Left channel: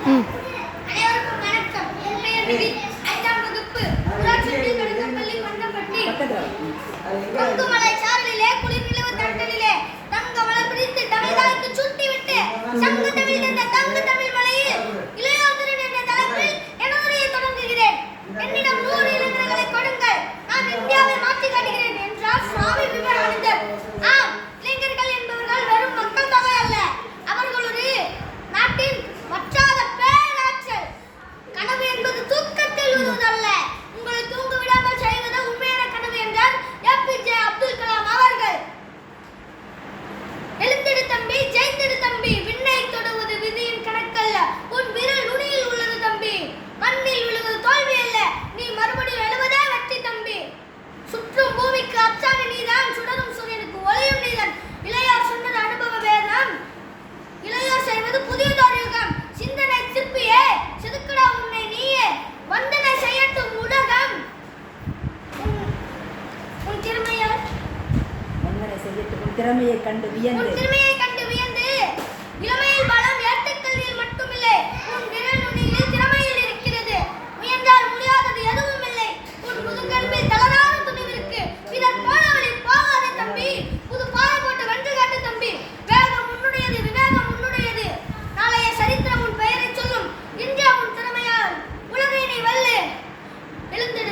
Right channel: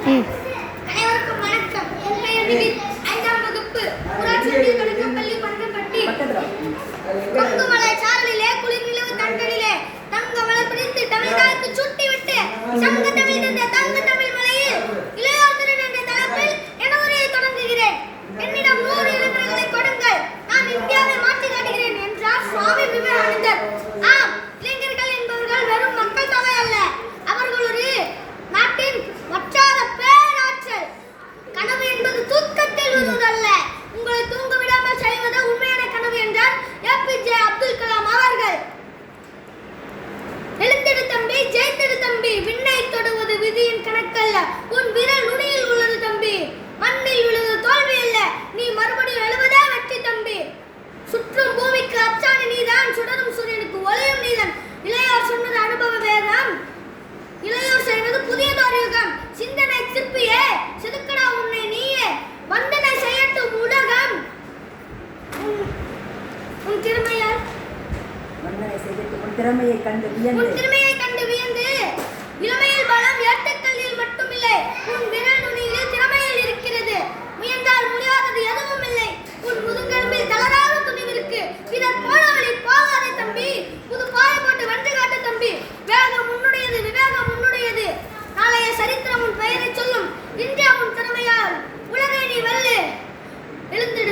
அனைவருக்கும் வணக்கம். என் பெயர் விஜய். 5ஆம் வகுப்பு ஊராட்சி தொடக்கப்பள்ளி பண்டப்பட்டி. கொங்குமலை சாரலிலே குளிர் நிலவு தண்டலிலே தங்க மலை பிடித்து தமிழ்காலுக்கு சுட்டி விட்டு சங்க தமிழ் என்ற தங்க தமிழ் மலையில் இளையோதரன் என்ற தலைப்பில் எனவரை தொடங்குகிறேன். என்னிடம் 100 இளைஞர்களை கொடுங்கள், நான் இந்தியாவை மாற்றி காட்டுகிறேன் என்றார் சுவாமி விவேகானந்தர். ஆம், இளைஞர்கள் என்பவர்கள் வெறும் மக்கள் தொகை அல்ல, அவர்கள் ஒரு நாட்டின் வற்றாத பேராற்றல். கனவு என்பது தூக்கத்தில் வருவதல்ல, உங்களை தூங்க விடாமல் செய்வது உண்மையான கனவு என்றார் ஏபிஜே அப்துல் கலாம் அவர்கள். எழுந்திரு தம்பி, ஜெயித்திரு தம்பி, விண்ணை தொடுவது விதியின் கணக்கல்ல, உன் விரல் நுனியில் உள்ளது தம்பி, மண்ணில் விழுவது தோல்வி அல்ல, நீ மறுபடியும் எழுவதே வெற்றி தம்பி. சுற்றும் பூமிக்கு அச்சாணி நீதான், சுடரும் சூரியனுக்கு ஒளியும் நீதான். இளையோர் சொன்னது அனுபவ வேதம், இளையோர் செய்வது புதியதொரு யுகம். சிந்தனை சிற்பியே, செதுக்கடா உன்னை நீயே, வந்தனை செய்யட்டும் உலகம். உன் திறமையால் வந்தனை செய்யட்டும் உன் திறமையை கண்டு வியந்து இளமையில் பலம் ஏட்டுக்கல்லியில் மட்டுமில்லை, உன் விரல் நுனியில் திறமையில் இருக்கிறது. முயன்றால் முடியாதது எதுவும் இல்லை, உன் முதுகெலும்பில் தளராத துணிவிருக்கு. பிறர் போன வழி போகாதே தம்பி, புது பாதை போட்டு வென்று காட்டு தம்பி. வேகம் உன்னுடையது, விவேகம் உன்னுடையது. நாளைய சரித்திரம் உன் பெயரை சொல்லும். இந்தியா உன் திறமையால் உலகை நீ வெல்லு. எழுந்து